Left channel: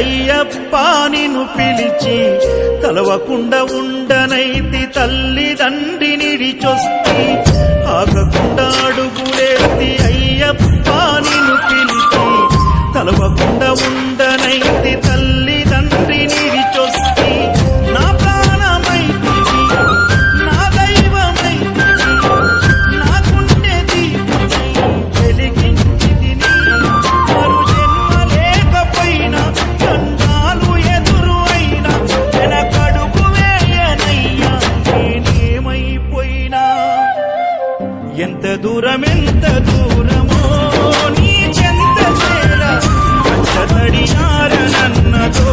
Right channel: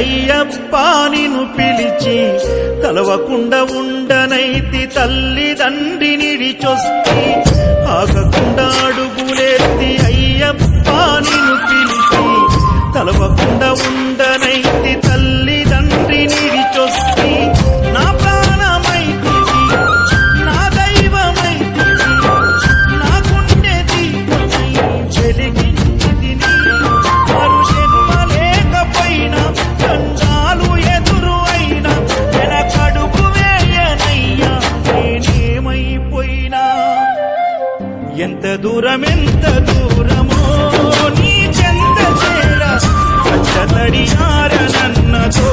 అయ్యప్ప నిన్ను పిలిచి తలవకుండా ఉండనైతి తల్లిదండ్రి నిడిచొస్తి ఆగకుండా అడుగులేసి అయ్యప్ప నిన్ను పిలిచి తలవకుండా ఉండనైతి తల్లిదండ్రి నిడిచొస్తి నా ప్రాణమైతివి నా దైవమైతివి నాకుండే దీపమై వెలిగించితిని మరు జన్మ లేకపోయినా దండాలు ఎదురు అయినా వెనకడుగు వేయనయ్యా నేనేమైపోయినా ఎంత దూరమో నీ చెంత చేరా కట్టతడియారనన్నతో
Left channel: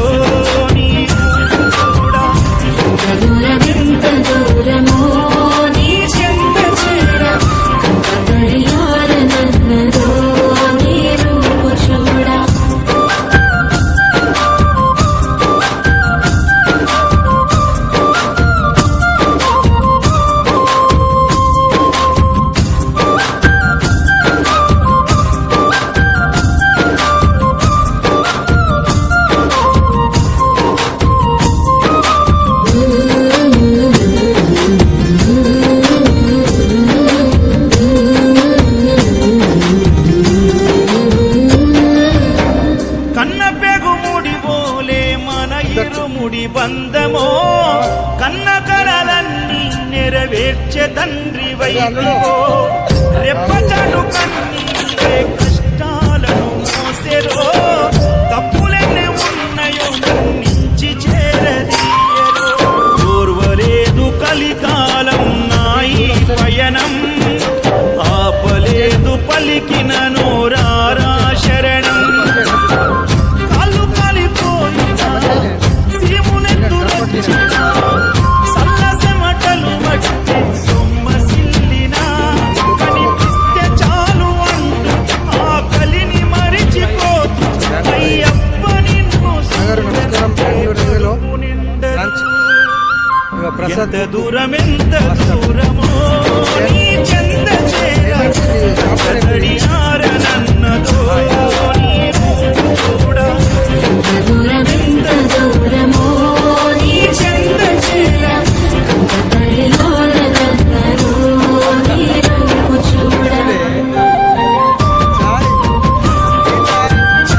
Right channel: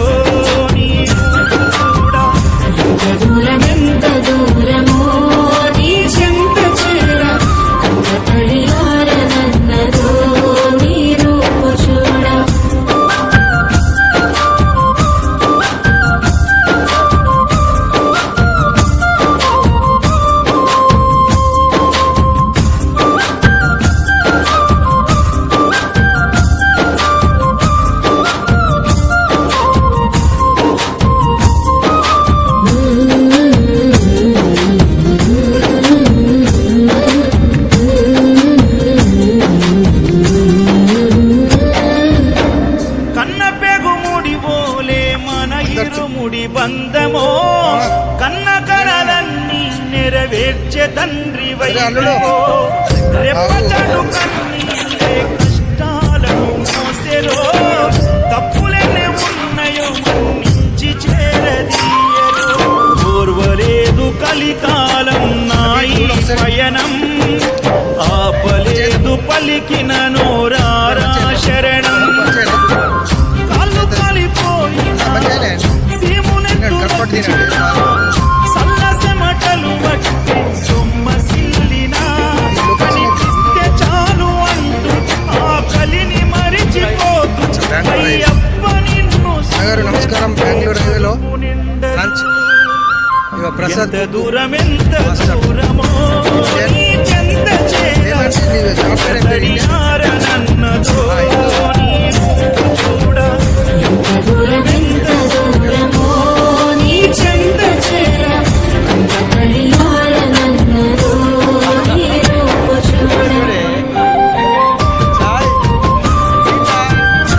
నీ కూడా ఎంత దూరమో నీ చెంత చేరా కట్టతడియారనన్నతో నీ రూప చూడా ఇరుముడి బంధమో కన్న కలలన్నీ నెరవేర్చే తండ్రి వైభవో రెప్పచాటు కన్నీరే కష్టాలను మోసెరో తప్పులెన్ని ఉన్నాయో మన్నించి చేరదీయరో ఓర్వలేదు కలికాలం నాయి పయనం ఆపలేదు పలికిన నోరారా శరణం కాళ్ళు కాలిపోయినా సీమునెత్తురొచ్చినా సల్ల సెమటలు వట్టి సొమ్మసిల్లినా కనిపిస్తే చాలు అంటూ ఆకలిని మరిచిపోతూ అయ్యప్ప నిన్ను నమస్కారం. బెంగళూరు ఎంత దూరమో నీ చెంత చేరన్నదో నీ కూడా